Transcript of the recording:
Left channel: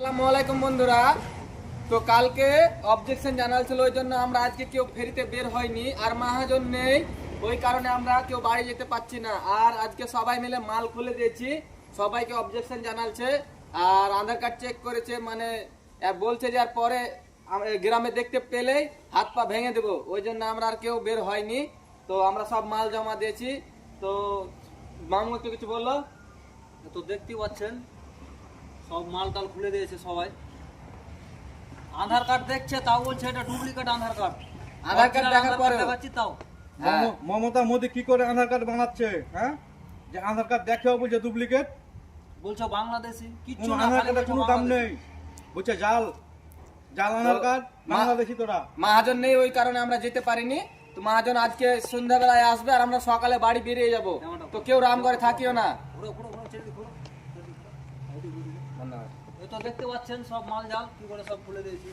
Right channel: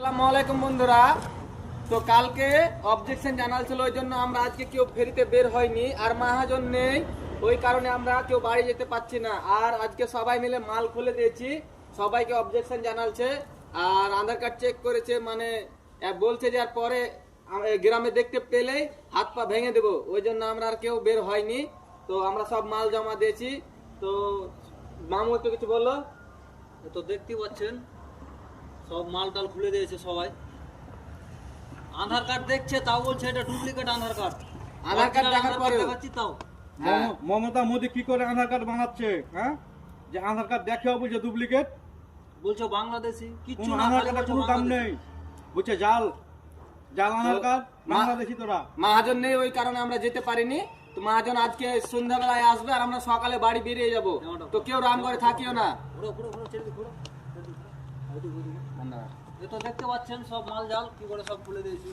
আসসালামু আলাইকুম বন্ধুরা। তো কালকে অবজেকশন জানাচ্ছিল, ওই জন্য আমরা আজকে কেউ ফেরিতে বের হয়নি, আর মহাজন নেই, ওই কারণে আমরা কেউ বাড়ি যেতে পারছি না। আর আজকে সবাই মিলে মাল খুলে দিয়েছি, সবাইকে অবজেকশন জানাচ্ছে আর আধার কার্ড চেক করেছে, মানে বলছে যে আর পরে গ্রামে দেখতে পেলেই হাত পা ভেঙে দেবো, ওই জন্য আমরা আর কেউ বের হয়নি। তো আমরা সব মাল জমা দিয়েছি। তো মামু তো কিছু বললো? তো দেখতে পাচ্ছেন সব মাল টাল খুলে দিয়েছে সবাই। আধার কার্ড দেখছে, তাও বলছে এটা ডুপ্লিকেট আধার কার্ড। আধার কার্ড দেখার পরে দেখাচ্ছি তাও। হ্যাঁ। মমতা মোদি কি করে আধার কার্ড বানাচ্ছে? হ্যাঁ, যে আধার কার্ড দেখেও বলছে ডুপ্লিকেট। বলছো বাংলাদেশি, কিচ্ছু কোনো না, আধার খালি কার্ডের বলছো কোনো দাম বাংলাদেশি। নেই, বুঝছে? জাল জাল আধার কার্ড, মা- বাংলাদেশি তোরা। মহাজন নেই, ওই কারণে আমরা যেতে পারিনি। তো মহাজন আজকে সন্ধ্যাবেলায় আসবে আর আমরা সকালে বাড়ি বেরিয়ে যাব। তো কেউ রাম করে থাকিও না। ঘুরো ঘুরো ঘুরো, ছেড়ে দিই, ঘুরো। এই তো দেখতে পাচ্ছেন সব মাল জাল কি করে সব খুলে দিয়েছি।